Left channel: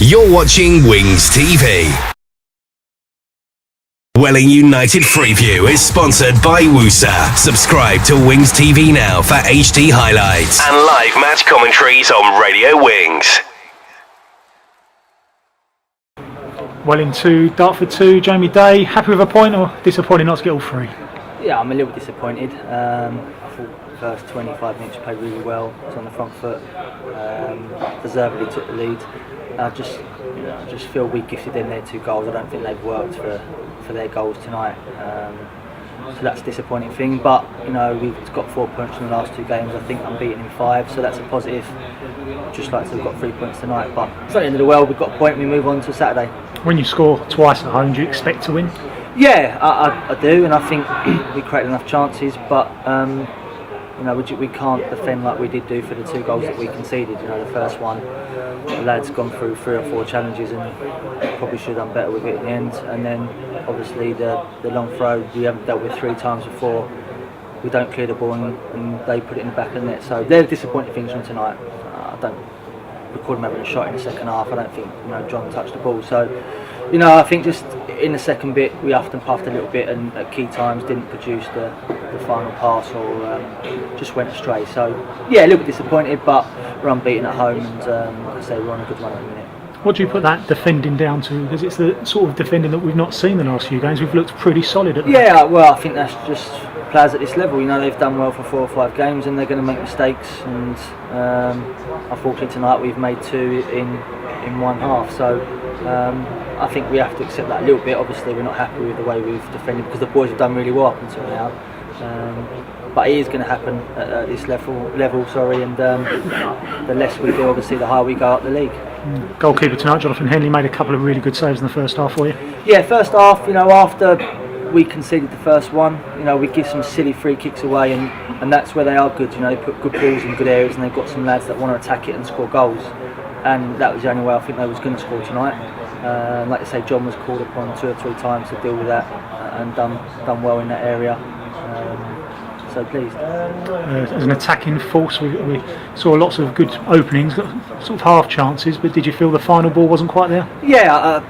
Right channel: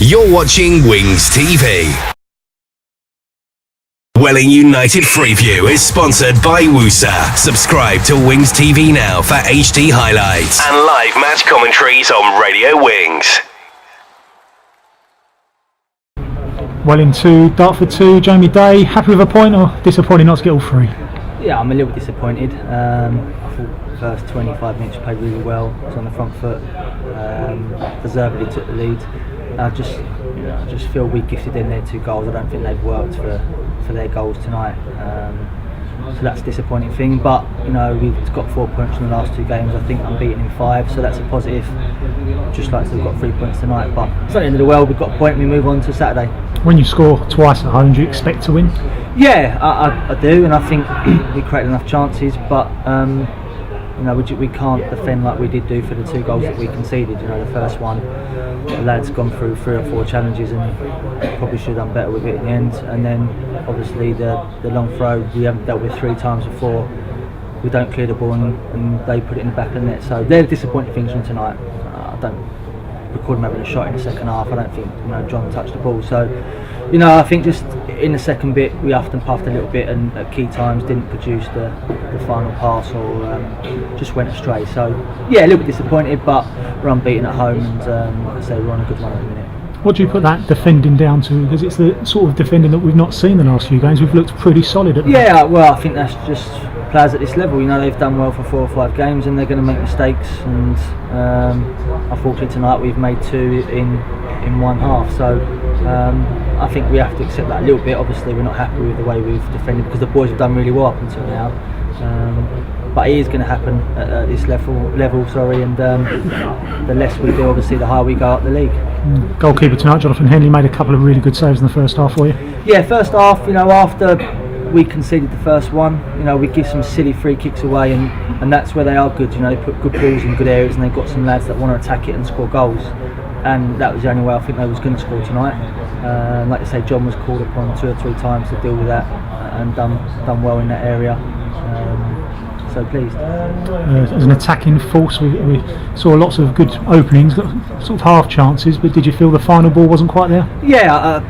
You're watching WingsTV. Welling United Freeview is sponsored by Woosa. Subscribe to WingsTV now for HD highlights and live match commentaries on Radio Wings. Welling 2, Dartford 2, Jamie Day, happy with a point or disappointed not to get all three? Yeah, I'm a little bit disappointed. I thought the first 25 minutes played really well, was on the front foot, deservedly took the lead. I just feel we gifted in their 2 goals. I don't think they've worked for their goals tonight. So that's a disappointing thing, but we've got 4 points in the last 2 games. I think unbeaten in 5, so that's a positive. Just like to have got 3 points tonight, but it's not the end of the world. We've got a point, we move on to Saturday. When you score twice at home, do you expect to win? Yeah, I do, and I think we created enough chances, but we can't defend like we did do for the 2 goals that we conceded. The first one, the lads gone through 3 or 4 challenges and probably should have done better with it in the end. And then obviously the long throw we haven't dealt with 3 times before. We don't clear the ball and they put it in the back of the net. So they're the disappointing things from tonight. I don't record them having a shot in the second half. I don't think John touched the ball. So I think just in the second bit we huffed and puffed a little bit and at key times didn't produce the final pass or just went astray. So yeah, a little bit disappointed, but we're unbeaten at home and like I say, we're on a good run at the minute. What do you put that defending down to? Because it's the sort of defending that we've not seen the last few games. We've looked pretty solid at the moment. Well, I think that's just players at this level. They've done well for 4 or 5 games and they're going to make mistakes. And unfortunately tonight we've made 2 in one half. So I think we have to accept that a little bit. Obviously we're not happy with the way we've defended because the boys have done really well up until now. But it is going to happen at this level, and the less we do, obviously, the higher we go up the league. Goalkeeper tonight, Jonathan Henley, made a couple of really good saves in the first half for you. Yeah, first half, after we conceded the first one, we give some silly free kicks away, and that's where they are good. They put good balls in good areas, and they've got some lads that want to attack it and score goals. And that was the only way I think they was going to score tonight. Like I say, John was called upon 2 or 3 times to deal with that, and done well in that area. So pleased. As an attacking force, we saw lots of good openings, got sort of half chances, but did you feel the final ball wasn't quite there? Yeah,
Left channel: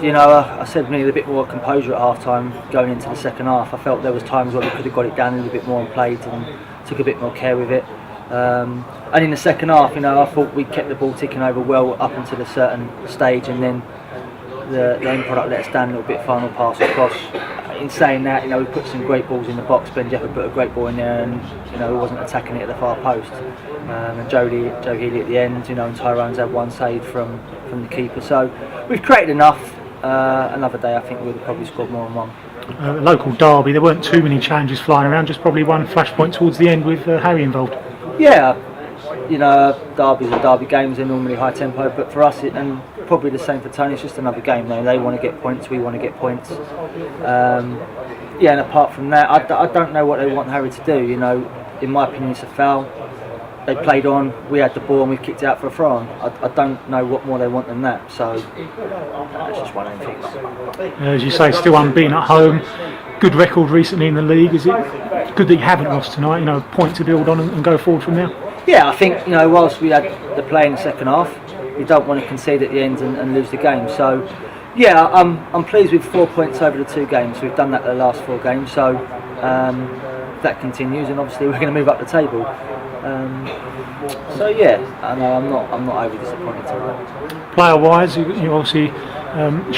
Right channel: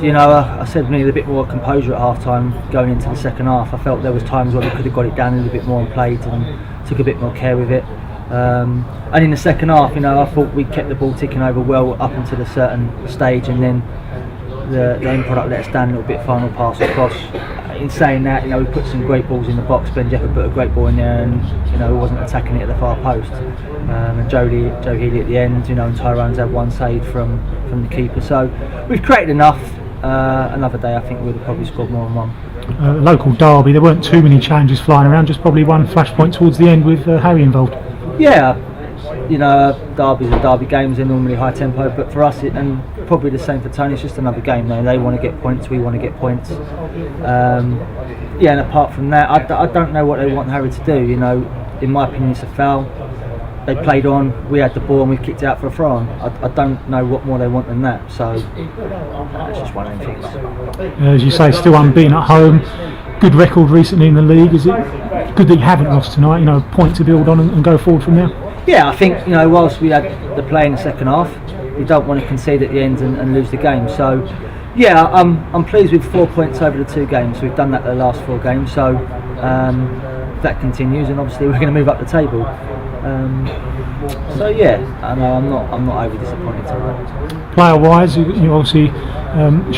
I said we needed a bit more composure at half time going into the second half. I felt there was times where we could have got it down a little bit more and played and took a bit more care with it. And in the second half, I thought we kept the ball ticking over well up until a certain stage, and then the end product let us down a little bit, final pass across. In saying that, we put some great balls in the box. Ben Jeffer put a great ball in there, and he wasn't attacking it at the far post. And Joe Healy at the end, and Tyrone's had 1 save from the keeper. So we've created enough. Another day, I think we'd have probably scored more than 1. Local derby, there weren't too many challenges flying around. Just probably one flashpoint towards the end with Harry involved. Yeah, derbies are derby games. They're normally high tempo, but for us, and probably the same for Tony, it's just another game. They want to get points, we want to get points. And apart from that, I don't know what they want Harry to do. In my opinion, it's a foul. They played on, we had the ball and we kicked it out for a throw on. I don't know what more they want than that. So that's just one of them things. As you say, still unbeaten at home. Good record recently in the league. Is it good that you haven't lost tonight? A point to build on and go forward from there. Yeah, I think whilst we had the play in the second half, we don't want to concede at the end and lose the game. So yeah, I'm pleased with 4 points over the 2 games. We've done that the last 4 games. So if that continues, and obviously we're going to move up the table. So yeah, I'm not overly disappointed tonight. Player-wise, you obviously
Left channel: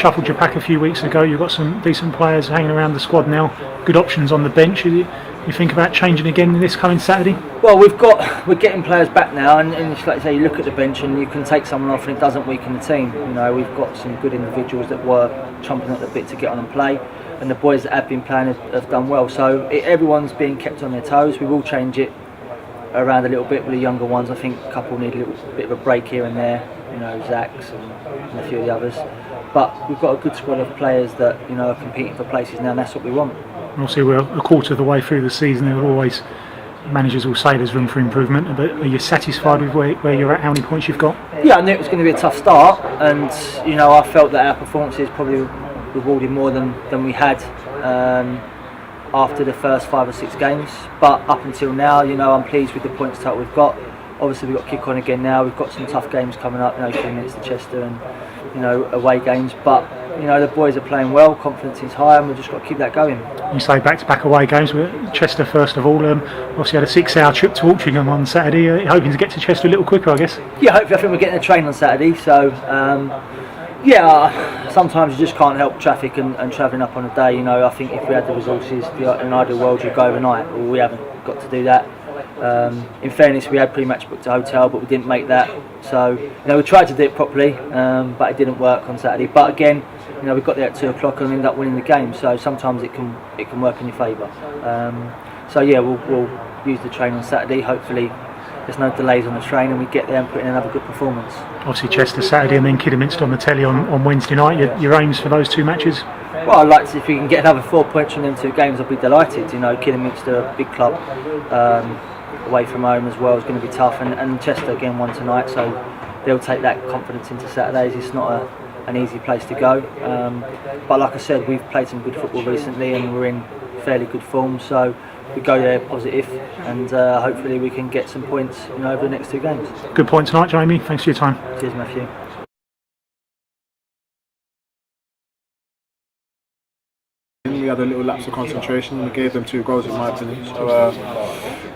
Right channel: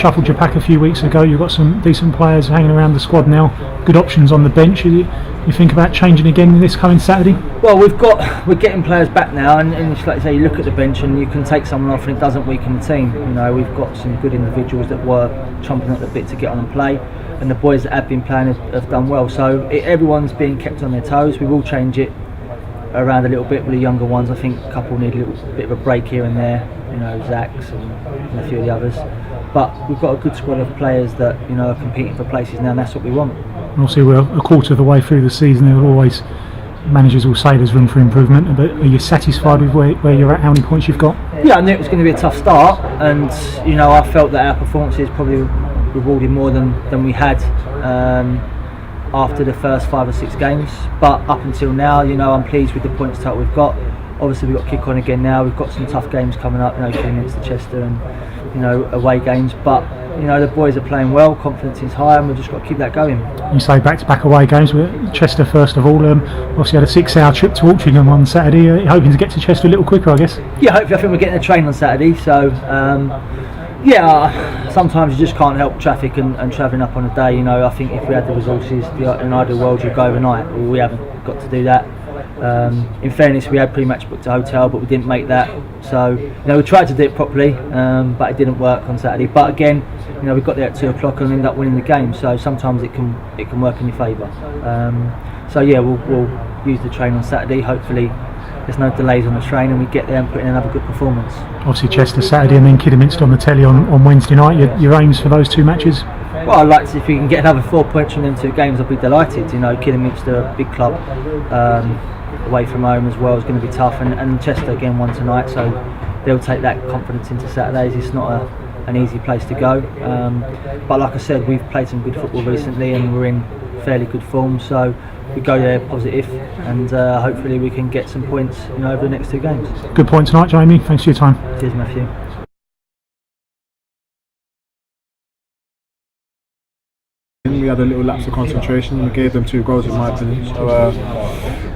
shuffled your pack a few weeks ago. You've got some decent players hanging around the squad now. Good options on the bench. You think about changing again this coming Saturday? Well, we're getting players back now, and it's like you say, you look at the bench and you can take someone off and it doesn't weaken the team. We've got some good individuals that were chomping at the bit to get on and play, and the boys that have been playing have done well. So everyone's being kept on their toes. We will change it around a little bit with the younger ones. I think a couple need a little bit of a break here and there, Zach's and a few of the others. But we've got a good squad of players that are competing for places now, and that's what we want. Obviously, we're a quarter of the way through the season. There are always managers will say there's room for improvement, but are you satisfied with where you're at, how many points you've got? Yeah, I knew it was going to be a tough start, and I felt that our performances probably rewarded more than we had after the first 5 or 6 games. But up until now, I'm pleased with the points total we've got. obviously we've got to kick on again now. We've got some tough games coming up, you know, Kidderminster, Chester, and you know, away games. But you know, the boys are playing well, confidence is high, and we've just got to keep that going. You say back-to-back away games with Chester first of all. Obviously had a 6-hour trip to Altrincham on Saturday. Hoping to get to Chester a little quicker, I guess. Yeah, hopefully. I think we're getting a train on Saturday, so yeah, sometimes you just can't help traffic and travelling up on a day. You know, I think if we had the resources, in an ideal world, you'd go overnight. Well, we haven't got to do that. In fairness, we had pretty much booked a hotel, but we didn't make that. So, you know, we tried to do it properly, but it didn't work on Saturday. But again, you know, we got there at 2 o'clock and ended up winning the game. So sometimes it can work in your favour. So yeah, we'll use the train on Saturday. Hopefully, there's no delays on the train, and we get there and put in another good performance. Obviously, Chester Saturday, and then Kidderminster on the telly on Wednesday night. Your aims for those 2 matches? Well, I'd like to, if we can get another 4 points from them 2 games, I'll be delighted. You know, Kidderminster, a big club, away from home as well, is going to be tough, and Chester again won tonight, so they'll take that confidence into Saturdays. It's not an easy place to go, but like I said, we've played some good football recently, and we're in fairly good form, so we go there positive, and hopefully we can get some points, you know, over the next 2 games. Good point tonight, Jamie. Thanks for your time. Cheers, Matthew. We had a little lapse of concentration, and we gave them 2 goals in my opinion, so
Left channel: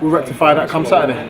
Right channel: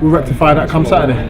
we'll rectify that come Saturday.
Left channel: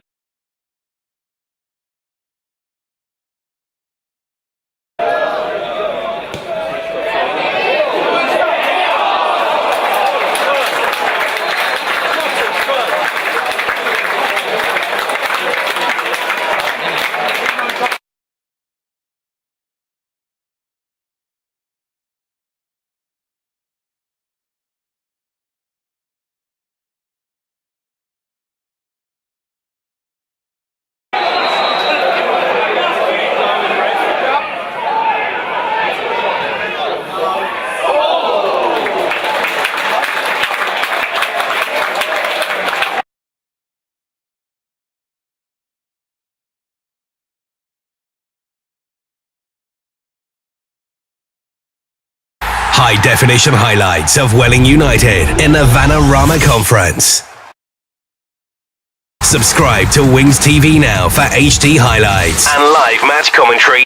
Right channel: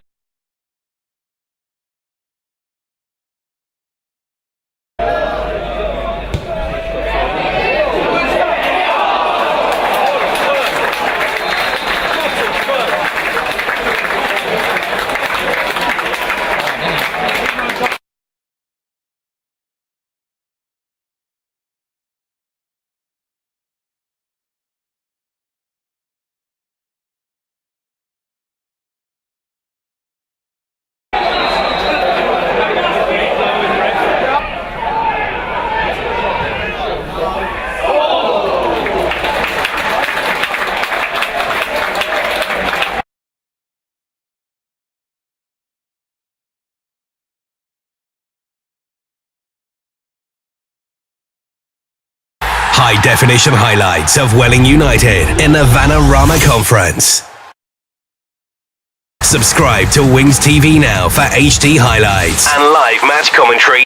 High-definition highlights of Welling United in the Vanarama Conference. Subscribe to WingsTV now for HD highlights and live match commentary.